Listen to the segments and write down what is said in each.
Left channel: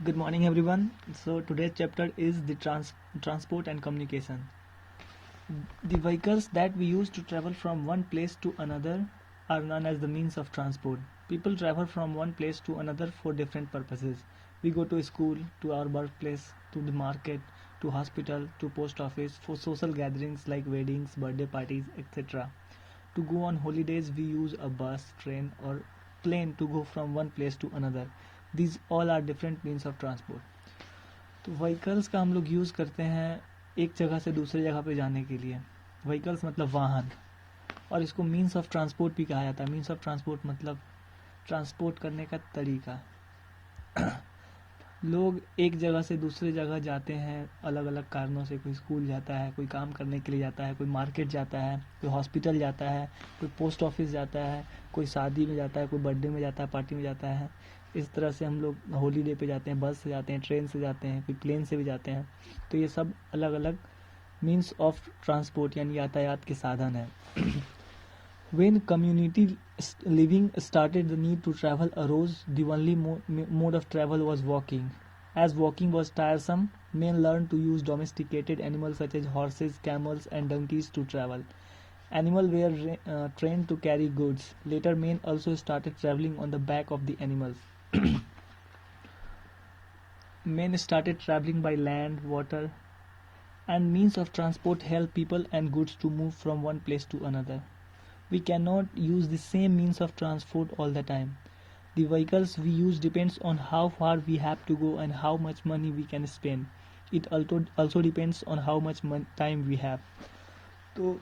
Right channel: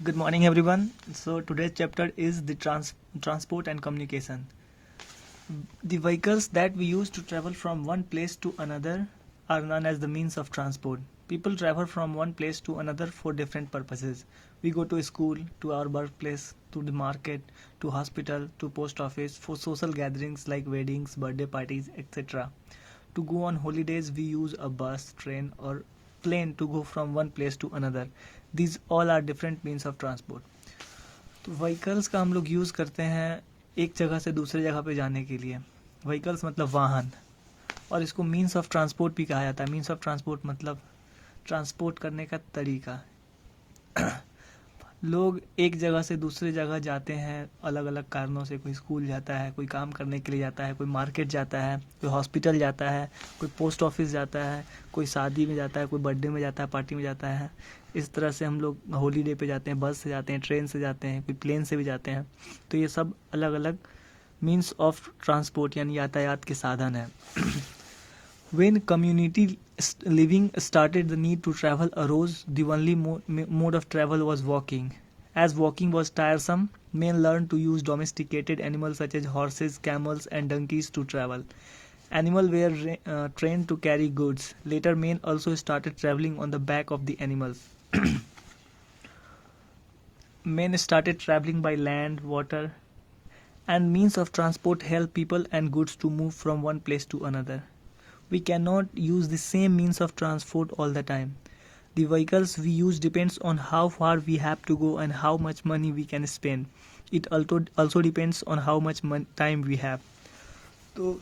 Good morning, everyone. So today's chapter is the transport and communication. The vehicles that we use to travel from one place to another are known as the means of transport. People travel from one place to another for different purposes. We go to school, to our workplace, to the market, to hospital, to post office, for social gatherings like weddings, birthday parties, etc. To go on holidays, we use a bus, train, or plane to go from one place to another. These all are different means of transport. तो vehicles का हम लोग use करते हैं एक जगह से दूसरे जगह पे जाने के लिए. व्हीकल्स मतलब वाहन, और इसको मीन्स ऑफ ट्रांसपोर्ट भी कहा जाता है. मीन्स ऑफ ट्रांसपोर्ट मतलब ट्रांसपोर्ट करने का तरीका. लोग एक जगह से दूसरे जगह जाते हैं अलग अलग कारणों से. कोई स्कूल जाता है, कोई काम करने के लिए जाता है, कोई मार्केट जाता है, कोई हॉस्पिटल जाता है, कोई पोस्ट ऑफिस जाता है, कोई शादी में जाता है, कोई बर्थडे में जाता है, पार्टी में जाता है. इस तरह से हम लोग हॉलीडे पे जाते हैं, बस से जाते हैं, ट्रेन से जाते हैं, कोई प्लेन से भी जाते हैं. तो ये सब अलग अलग मीन्स ऑफ ट्रांसपोर्ट यानी यातायात के साधन है. When community living started, the need to travel arose. The only mode of travel was walking. As walking was tiresome, men learned to use domesticated animals such as horses, camels, and donkeys to travel. Animals were trained to carry goods. Later, men also started traveling on the back of the animals. Men started traveling by land, water, and means of transport help people and goods to move from one place to another. We cannot use the same means of transport all the time. The vehicles we use depends on how far we have to go and how much money we can spend. It also depends on how much time we have. तो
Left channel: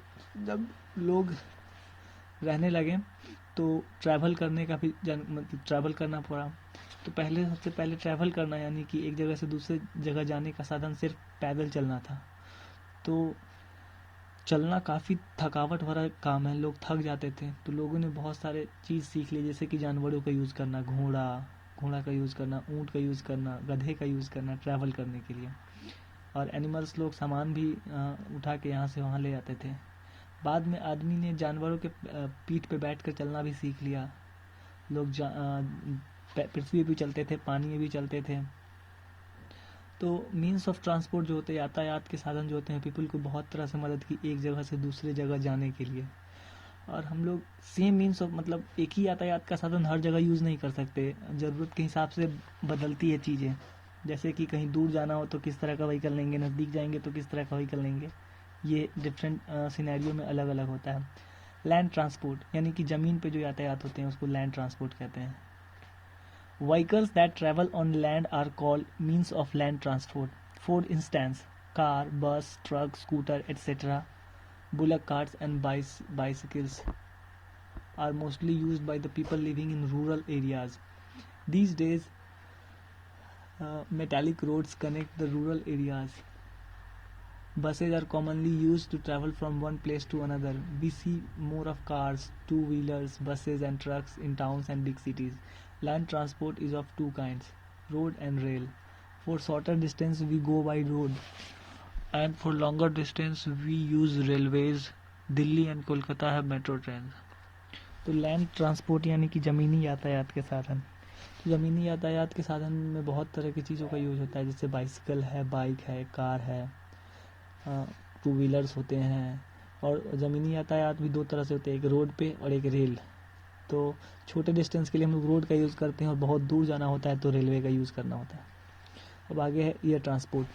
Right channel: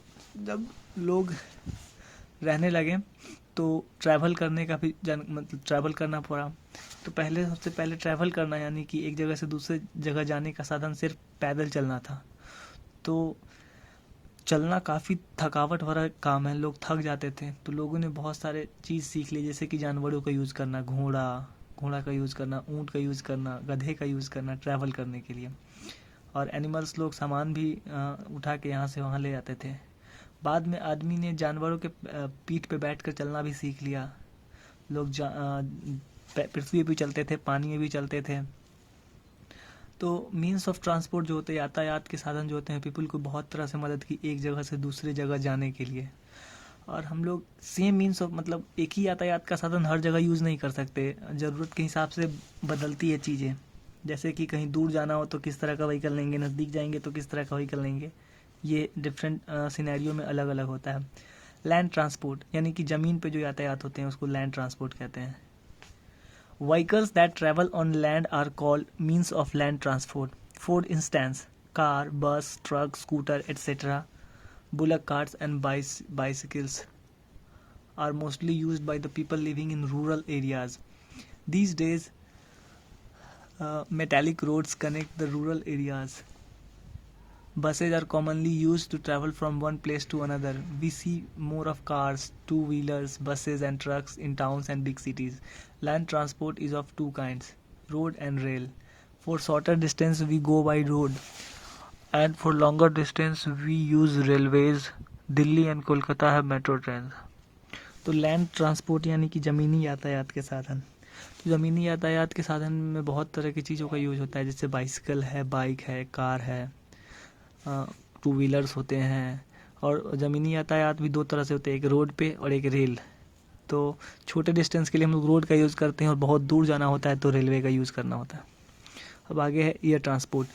जब लोग रहने लगे तो travel करने का भी मतलब ट्रैवल करना पड़ा. तो सबसे पहले ट्रैवल करना यानी कि एक जगह से दूसरे जगह जाने का साधन सिर्फ पैदल चलना था. तो चलना काफ़ी थकावट भरा काम है, लोग थक जाते थे. तो लोगों ने बहुत सारे चीज़ सीख ली, जैसे कि जानवरों का यूज़ करना, घोड़ा का यूज़ करना, ऊँट का यूज़ करना, गधे का यूज़ करना ट्रैवल करने के लिए. और एनिमल्स लोग सामान भी उठा के यहाँ से वहाँ ले जाते थे. बाद में आदमी ने जानवरों के पीठ पे बैठ कर चलना भी सीख लिया. लोग पृथ्वी पे भी चलते थे, पानी में भी चलते थे. तो मीन्स ऑफ ट्रांसपोर्ट जो होते हैं, यातायात के साधन जो होते हैं, पीपल को बहुत तरह से मदद की एक जगह से दूसरी जगह जाने के लिए. और हम लोग सेम मीन्स ऑफ मतलब एक ही यातायात का साधन हर जगह यूज़ नहीं कर सकते. ज़रूरत के हिसाब से बदलती है चीज़ें. जैसे कि कहीं दूर जाना हो तो किस तरह का व्हीकल लेंगे, नज़दीक जाएंगे तो किस तरह का व्हीकल लेंगे. ये डिफरेंट सिनेरियो में अलग अलग होता है. लैंड ट्रांसपोर्ट यानी कि ज़मीन पे जो यातायात होते हैं उसको लैंड ट्रांसपोर्ट कहते हैं. Vehicles that travel on land are called means of land transport. For instance, car, bus, truck, scooter, etc. Bullock carts and bicycles are mostly used by the people living in rural areas. These days, metallic roads connect the rural areas. Buses are commonly used to travel from one place to another. We see more of cars, two-wheelers, buses and trucks in towns and big cities. Land transport is of two kinds, road and rail. For shorter distance we go by road, and for longer distance we use railways. Delhi and Kolkata have metro trains. तो land transport यानी कि ज़मीनी यातायात के साधन. तो ज़मीनी यातायात के साधन में बहुत तरह की चीज़ों का यूज़ होता है, जैसे बाइसिकल है, बाइक है, कार है, टू व्हीलर्स होते हैं. और ज़मीनी यातायात भी दो तरह से होते हैं, एक रोड पे और एक रेल. तो छोटे डिस्टेंस के लिए हम लोग रोड का यूज़ करते हैं और बहुत दूर जाना होता है तो रेलवे का यूज़ करना होता है. अब आगे है air transport.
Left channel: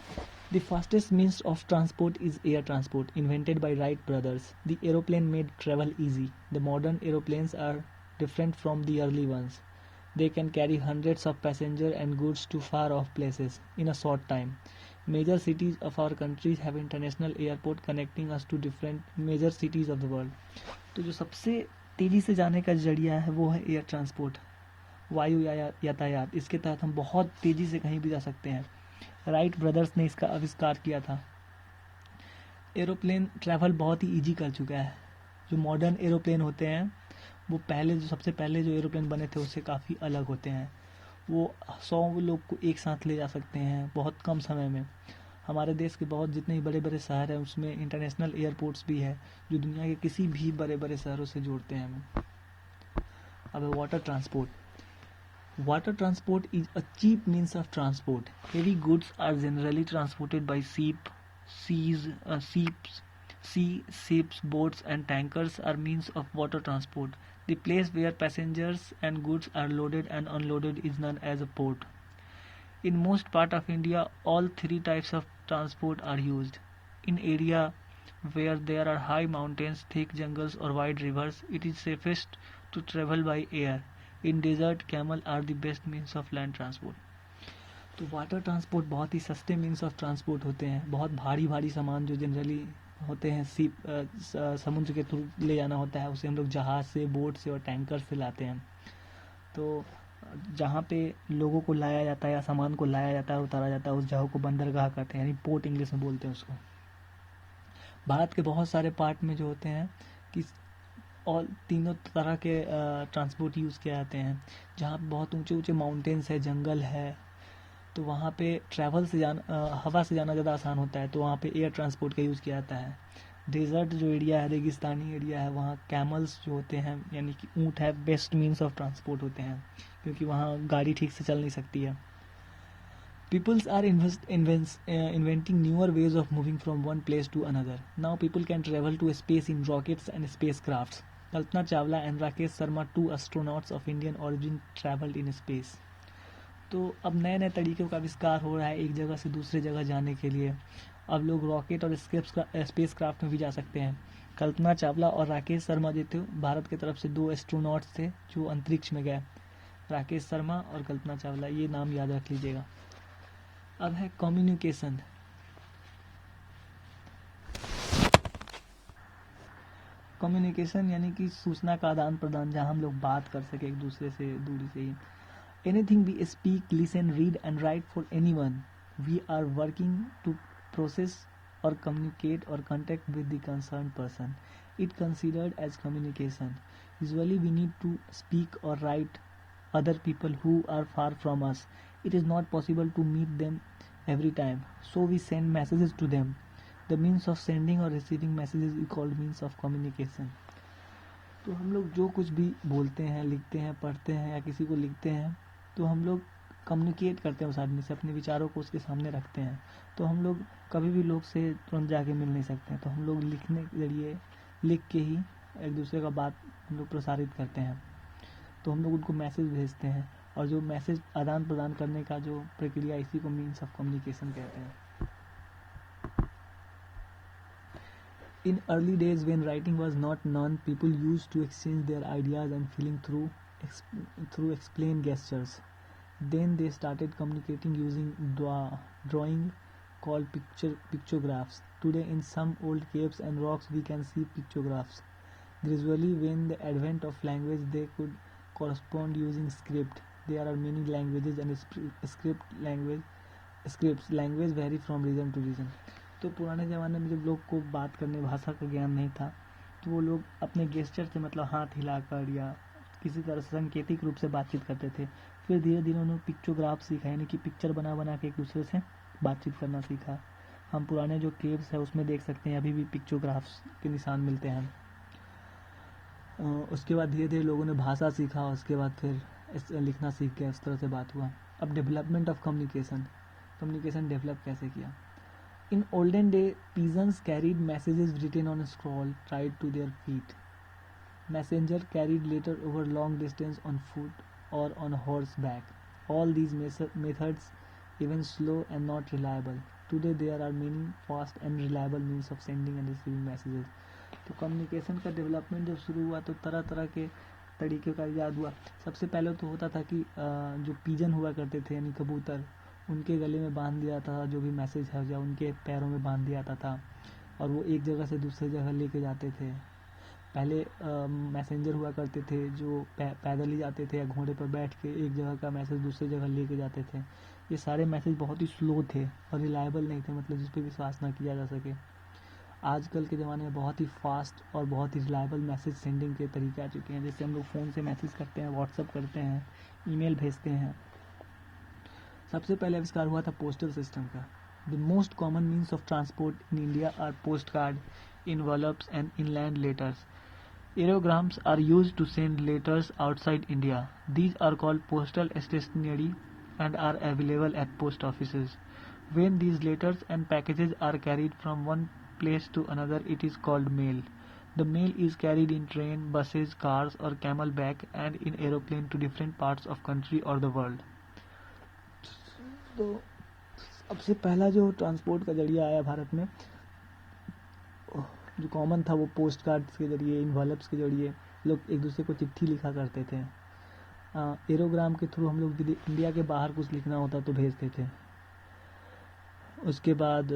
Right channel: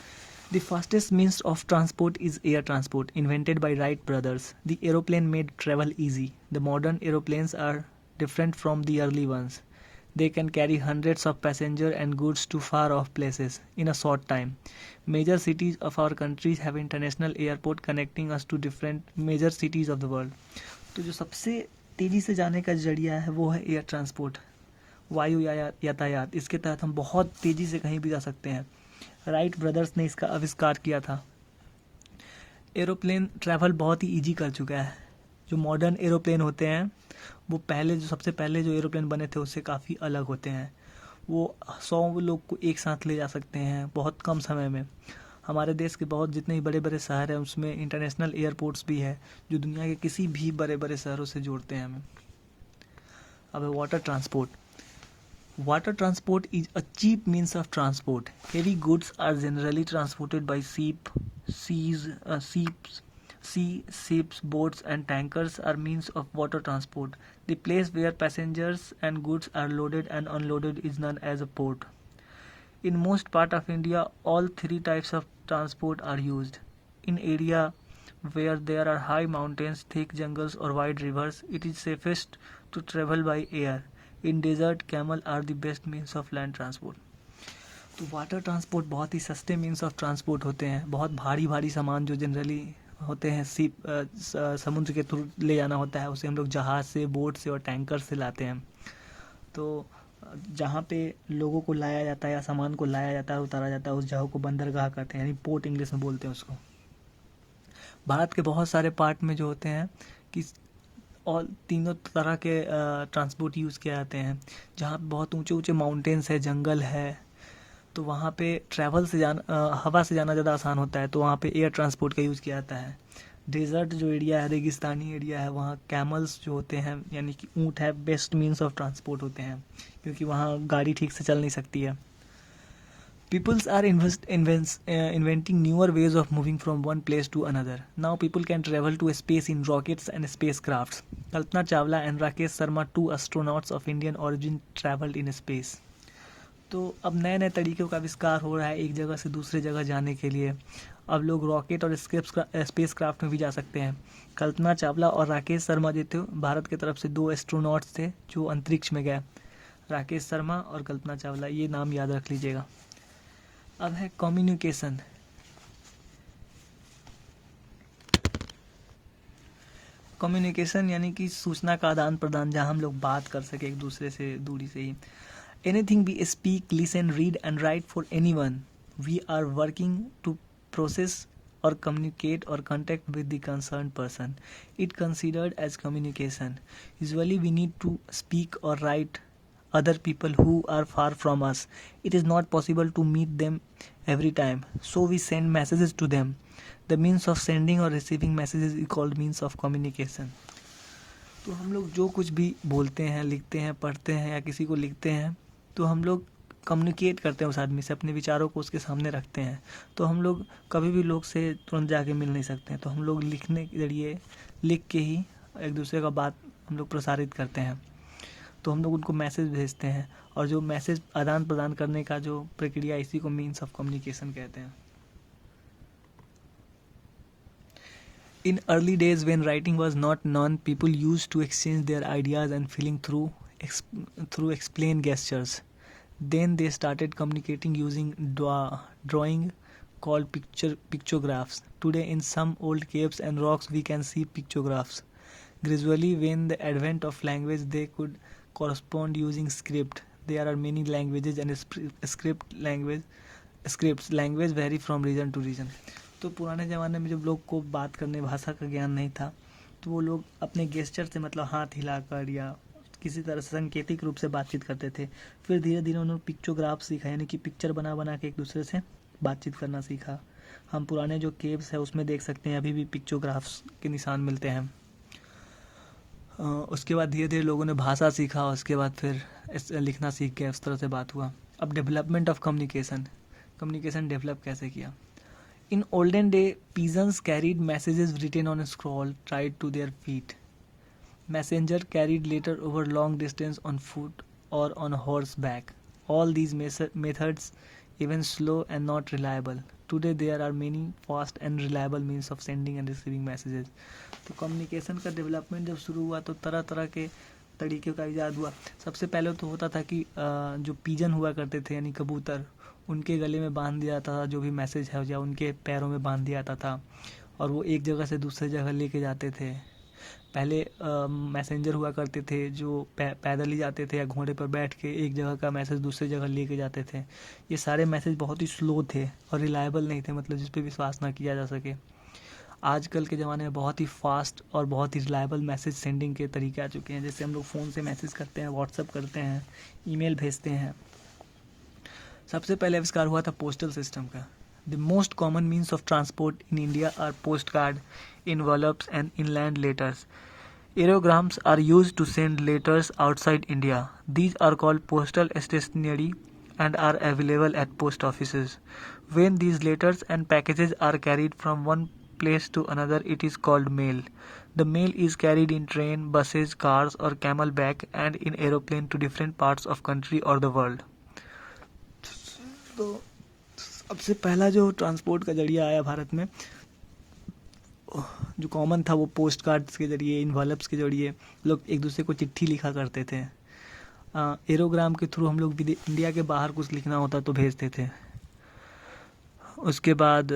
The fastest means of transport is air transport, invented by Wright Brothers. The aeroplane made travel easy. The modern aeroplanes are different from the early ones. They can carry hundreds of passengers and goods to far off places in a short time. Major cities of our countries have international airport connecting us to different major cities of the world. तो जो सबसे तेज़ी से जाने का जरिया है वो है एयर ट्रांसपोर्ट, वायु यातायात. इसके तहत हम बहुत तेज़ी से कहीं भी जा सकते हैं. राइट ब्रदर्स ने इसका आविष्कार किया था. एरोप्लेन ट्रैवल बहुत ही ईजी कर चुका है. जो मॉडर्न एरोप्लेन होते हैं वो सबसे पहले जो एरोप्लेन बने थे उससे काफ़ी अलग होते हैं. वो 100 लोग को एक साथ ले जा सकते हैं बहुत कम समय में. हमारे देश के बहुत जितने ही बड़े बड़े शहर हैं उसमें इंटरनेशनल एयरपोर्ट्स भी है जो दुनिया के किसी भी बड़े बड़े शहरों से जोड़ते हैं हमें. अब water transport. Water transport is a cheap means of transport. Heavy goods are generally transported by ships, boats, and tankers are means of water transport. The place where passengers and goods are loaded and unloaded is known as a port. In most part of India, all three types of transport are used. In area where there are high mountains, thick jungles or wide rivers, it is safest to travel by air. In desert camel are the best means of land transport. तो water transport बहुत ही सस्ते means of transport होते हैं. बहुत भारी भारी सामान जो जनरली होते हैं समुद्र के थ्रू ले जाना होता है, उसे हम लोग जहाज़ से, बोट से और टैंकर से लाते हैं. तो जहाँ पे लोगों को लाया जाता है या सामान को लाया जाता है, उतारा जाता है, उस जगह को बंदरगाह कहते हैं, यानी पोर्ट इंग्लिश में बोलते हैं उसको. भारत के बहुत सारे पार्ट में जो होते हैं कि और तीनों तरह के ट्रांसपोर्ट यूज़ किए जाते हैं. जहाँ बहुत ऊंचे ऊंचे माउंटेन्स है, जंगल है, तो वहाँ पे ट्रैवल से जाना, हवा से जाना ज़्यादा आसान होता है, तो वहाँ पे एयर ट्रांसपोर्ट का यूज़ किया जाता है. डेजर्ट जो एरिया है, रेगिस्तानी एरिया है, वहाँ कैमल्स जो होते हैं यानी कि ऊँट है, बेस्ट मीन्स ऑफ ट्रांसपोर्ट होते हैं, क्योंकि वहाँ गाड़ी ठीक से चल नहीं सकती है. Peoples are inventing newer ways of moving from one place to another. Now people can travel to space in rockets and spacecrafts. Kalpana Chawla and Rakesh Sharma, two astronauts of Indian origin, traveled in space. तो अब नए नए तरीक़ों का आविष्कार हो रहा है एक जगह से दूसरे जगह जाने के लिए. अब लोग रॉकेट और स्पेस क्राफ्ट में भी जा सकते हैं. कल्पना चावला और राकेश शर्मा जो थे, भारत की तरफ से 2 एस्ट्रोनॉट्स थे जो अंतरिक्ष में गए. राकेश शर्मा और कल्पना चावला, ये नाम याद रख लीजिएगा. अब है कम्युनिकेशन. कम्युनिकेशन यानी कि सूचना का आदान प्रदान, जहाँ हम लोग बात कर सके एक दूसरे से दूरी से ही. Anything we speak, listen, read and write for anyone, we are working to process or communicate or contact with the concerned person. It considered as communication. Usually we need to speak or write other people who are far from us. It is not possible to meet them every time, so we send messages to them. The means of sending or receiving messages is called means of communication. तो हम लोग जो कुछ भी बोलते हैं, लिखते हैं, पढ़ते हैं या किसी को लिखते हैं, तो हम लोग कम्युनिकेट करते हैं उस आदमी से, अपने विचारों को उसके सामने रखते हैं. तो हम लोग कभी भी लोग से तुरंत जाके मिल नहीं सकते हैं, तो हम लोग लिखने के जरिए, लिख के ही एक दूसरे का बात हम लोग प्रसारित करते हैं. तो हम लोग उनको मैसेज भेजते हैं, और जो मैसेज आदान प्रदान करने का जो प्रक्रिया, इसी को मीन्स ऑफ कम्युनिकेशन कहते हैं. In early days when writing was not known, people used to exchange their ideas and feeling through explain gestures. Then they started communicating using drawing called pictographs. Today in some old caves and rocks we can see pictographs. Gradually, when the advent of language, they could correspond using script. There are many languages and scripts language vary from region to region. तो पुराने ज़माने में जब लोग को बात करने, भाषा का ज्ञान नहीं था, तो वो लोग अपने गेस्चर से, मतलब हाथ हिलाकर या किसी तरह से सांकेतिक रूप से बातचीत करते थे. फिर धीरे धीरे उन्होंने पिक्चोग्राफ सीखा, यानी कि पिक्चर बना बना के एक दूसरे से बातचीत करना सीखा. हम पुराने जो केव्स है उसमें देख सकते हैं, अभी भी पिक्चोग्राफ्स के निशान मिलते हैं. उसके बाद धीरे धीरे लोगों ने भाषा सीखा, उसके बाद फिर लिखना सीख गया, उस तरह से बात हुआ. अब डेवलपमेंट ऑफ कम्युनिकेशन डेवलप कैसे किया. In olden day, peasants carried messages written on a scroll tied to their feet. Messenger carried letter over long distance on foot or on horseback. All these methods even slow and not reliable. Today there are many fast and reliable means of sending and receiving messages. तो communication का development जब शुरू हुआ तो तरह तरह के तरीके का इजाद हुआ. सबसे पहले तो होता था कि जो पीजन हुआ करते थे, यानी कबूतर, उनके गले में बांध दिया जाता था जो भी मैसेज है, या उनके पैरों में बांध दिया जाता था, और वो एक जगह से दूसरे जगह लेके जाते थे. पहले मैसेंजर हुआ करते थे जो पैदल ही जाते थे या घोड़े पर बैठ के एक जगह का मैसेज दूसरी जगह लेके जाते थे. ये सारे मैसेज बहुत ही स्लो थे और रिलायबल नहीं थे, मतलब जिस पे विश्वास ना किया जा सके. आजकल के ज़माने में बहुत ही फास्ट और बहुत ही रिलायबल मैसेज सेंडिंग के तरीके आ चुके हैं. जैसे हम लोग फ़ोन से मैसेज करते हैं, व्हाट्सअप करते हैं, ईमेल भेजते हैं. सबसे पहले आविष्कार हुआ था पोस्टल सिस्टम का. The most common means of transport in India R post card, envelopes and inland letters. Aerograms are used to send letters outside India. These are called postal stationery and are available at post offices. When these letters and packages are carried from one place to another, it is called mail. The mail is carried in train, buses, cars or camelback and in aeroplane to different parts of country or the world. तो सबसे पहला जो transport का जरिया आया भारत में जो common था वो पोस्ट कार्ड्स के ज़रिए, इन्वॉल्व्स के ज़रिए लोग एक दूसरे को चिट्ठी लिखा करते थे। एरोग्राम के थ्रू हम लोग इंडिया के बाहर कुछ लिखना होता तो भेजते थे। उसके बाद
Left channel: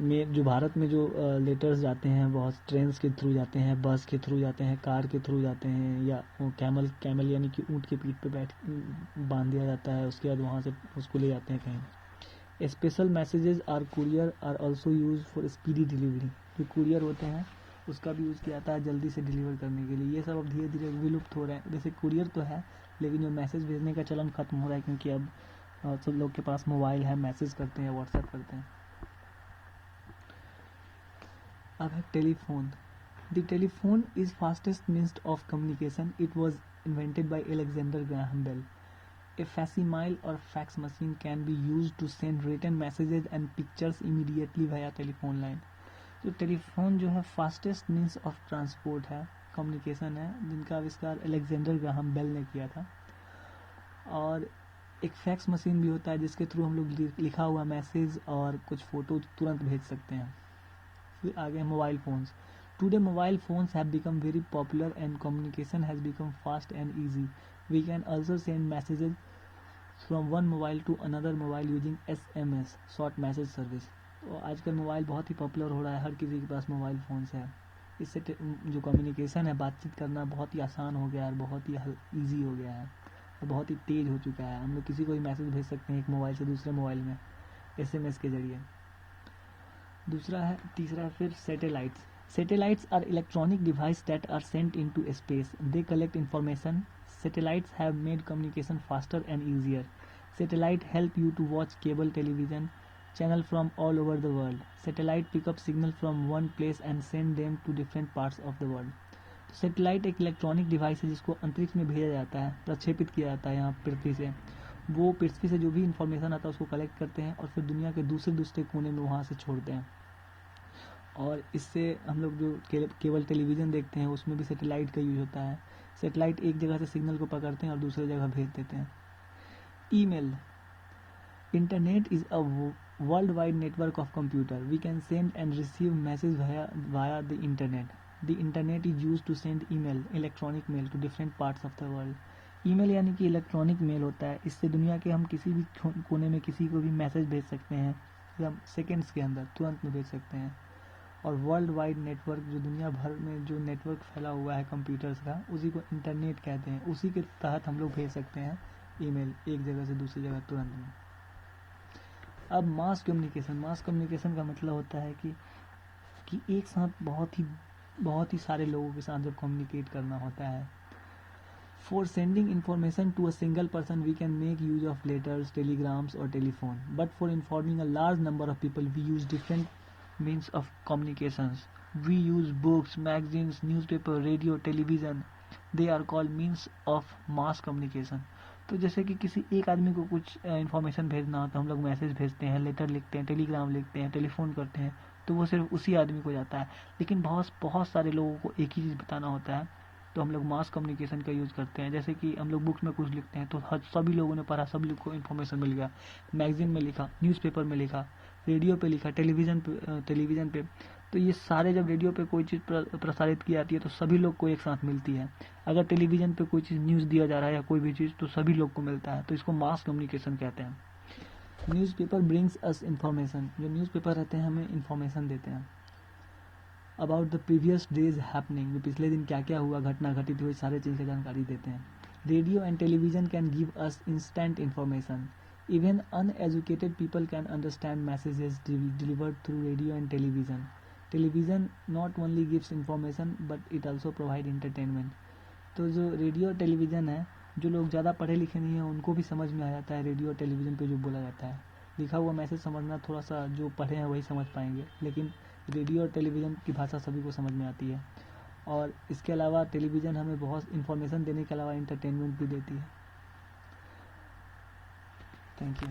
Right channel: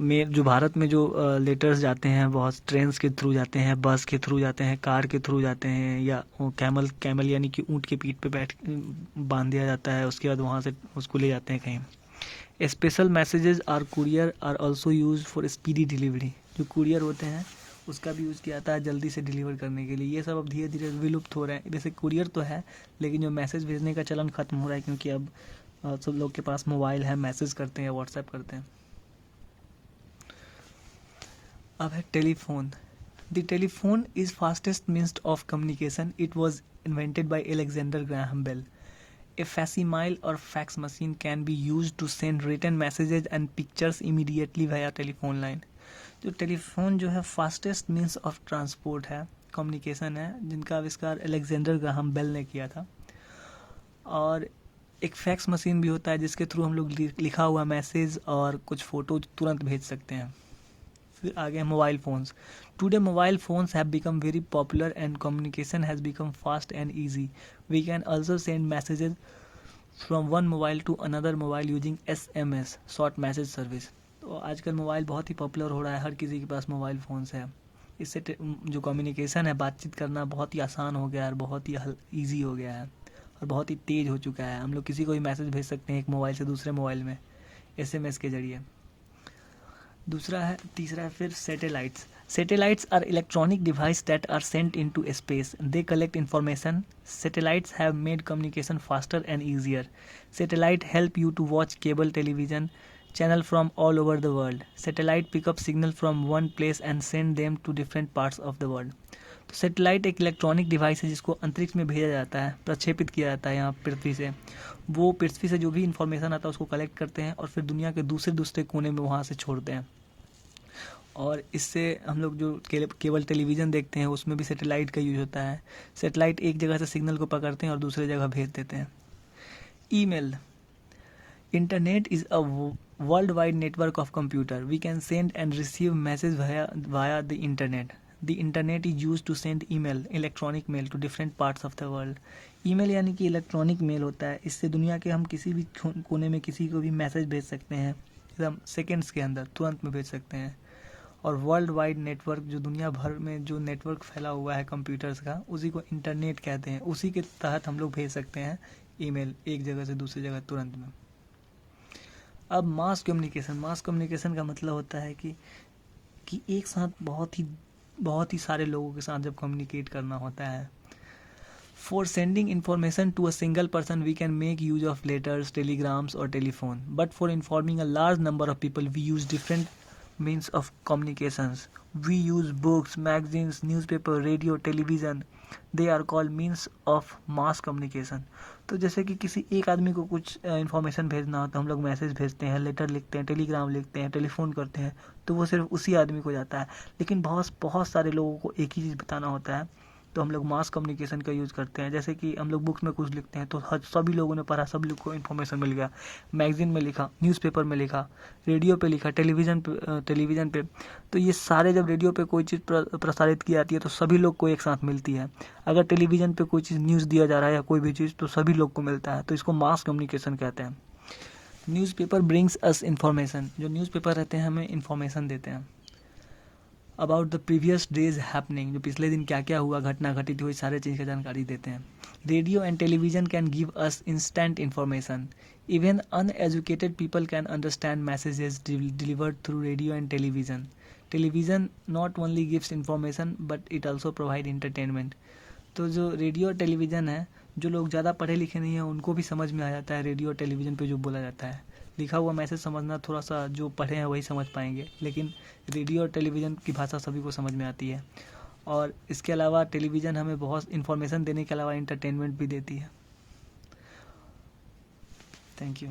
में जो भारत में जो लेटर्स जाते हैं बहुत ट्रेन्स के थ्रू जाते हैं, बस के थ्रू जाते हैं, कार के थ्रू जाते हैं या कैमल यानी कि ऊँट के पीठ पे बैठ बांध दिया जाता है, उसके बाद वहाँ से उसको ले जाते हैं कहीं। Special messages are courier are also use for speedy delivery. जो कुरियर होते हैं उसका भी यूज़ किया जाता है जल्दी से डिलीवर करने के लिए। ये सब अब धीरे धीरे विलुप्त हो रहे हैं। जैसे कुरियर तो है लेकिन जो मैसेज भेजने का चलन ख़त्म हो रहा है क्योंकि अब सब लोग के पास मोबाइल है, मैसेज करते हैं, व्हाट्सएप करते हैं। अब है telephone. The telephone is fastest means of communication. It was invented by Alexander Graham Bell. A facsimile or fax machine can be used to send written messages and pictures immediately via telephone line. जो telephone जो है fastest means of transport है, communication है, जिनका आविष्कार Alexander Graham bell ने किया था। और एक फैक्स मशीन भी होता है जिसके थ्रू हम लोग लिखा हुआ मैसेज और कुछ फ़ोटो तुरंत भेज सकते हैं। फिर आगे mobile phones. Today mobile phones have become very popular and communication has become fast and easy. We can also send messages from one mobile to another mobile using SMS, short message service. तो आजकल mobile बहुत ही popular हो रहा है, हर किसी के पास mobile phones है। इससे जो कम्युनिकेशन है, बातचीत करना बहुत ही आसान हो गया है और बहुत ही ईजी हो गया है और बहुत ही तेज़ हो चुका है। हम लोग किसी को भी मैसेज भेज सकते हैं एक मोबाइल से दूसरे मोबाइल में SMS के ज़रिए। तीसरा है फिर satellites. Satellites are electronic devices that are sent into space. They collect information. Satellites have made communication faster and easier. Satellite help you to watch cable television channel from all over the world. Satellite pick up signal from one place and send them to different parts of the world. तो satellite एक electronic device है जिसको अंतरिक्ष में भेजा जाता है, प्रक्षेपित किया जाता है यहाँ पृथ्वी से। वो पृथ्वी से जो भी इन्फॉर्मेशन आता है उसको कलेक्ट करते हैं और फिर दुनिया के दूसरे कोने में वहाँ से छोड़ते हैं। और इससे हम लोग जो केवल टेलीविज़न देखते हैं उसमें भी सैटेलाइट का यूज होता है। सैटेलाइट एक जगह से सिग्नल को पकड़ते हैं और दूसरे जगह भेज देते हैं। Email. Internet is a world wide network of computer. We can send and receive message via the internet. The internet is use to send email, electronic mail to different parts of the world. Email यानी कि electronic mail होता है। इससे दुनिया के हम किसी भी कोने में किसी को भी मैसेज भेज सकते हैं, एकदम सेकेंड्स के अंदर तुरंत में भेज सकते हैं। और वर्ल्ड वाइड नेटवर्क, जो दुनिया भर में जो नेटवर्क फैला हुआ है कंप्यूटर्स का, उसी को इंटरनेट कहते हैं। उसी के तहत हम लोग भेज सकते हैं ईमेल एक जगह से दूसरी जगह तुरंत में। अब मास कम्युनिकेशन का मतलब होता है कि एक साथ बहुत ही सारे लोगों के साथ जब कम्युनिकेट करना होता है। For sending information to a single person we can make use of letters, telegrams और telephone, but for informing a large number of people we use different means of communications. We use books, magazines, newspaper, radio, television. They are called means of mass communication. तो जैसे कि किसी एक आदमी को कुछ information भेजना हो तो हम लोग मैसेज भेजते हैं, लेटर लिखते हैं, टेलीग्राम लिखते हैं, टेलीफोन करते हैं, तो वो सिर्फ उसी आदमी को जाता है। लेकिन बहुत सारे लोगों को एक ही चीज़ बताना होता है तो हम लोग मास कम्युनिकेशन का यूज़ करते हैं। जैसे कि हम लोग बुक्स में कुछ लिखते हैं तो सभी लोगों ने पढ़ा, सभी लोग को इन्फॉर्मेशन मिल गया। मैगजीन में लिखा, न्यूज़पेपर में लिखा, रेडियो पे लिखा, टेलीविज़न पे, तो ये सारे जब रेडियो पे कोई चीज़ प्रसारित की जाती है तो सभी लोग को एक साथ मिलती है। अगर टेलीविज़न पे कोई चीज़ न्यूज़ दिया जा रहा है या कोई भी चीज़ तो सभी लोग को मिलता है, तो इसको मास कम्युनिकेशन कहते हैं। Newspaper brings us information. जो न्यूज़पेपर रहते हैं हमें इन्फॉर्मेशन देते हैं about the previous days happening. जो पिछले दिन क्या क्या हुआ, घटना घटित हुई, सारे चीज़ की जानकारी देते हैं। Radio and television can give us instant information. Even uneducated people can understand messages delivered through radio and television. Television not only gives information but it also provide entertainment. तो जो रेडियो और टेलीविज़न है, जो लोग ज़्यादा पढ़े लिखे नहीं हैं उनको भी समझ में आ जाता है रेडियो और टेलीविज़न पे जो बोला जाता है। लिखा हुआ मैसेज समझना थोड़ा सा, जो पढ़े हैं वही समझ पाएंगे, लेकिन रेडियो और टेलीविज़न की भाषा सभी को समझ में आती है। और इसके अलावा टेलीविज़न हमें बहुत इन्फॉर्मेशन देने के अलावा इंटरटेनमेंट भी देती है। Thank you.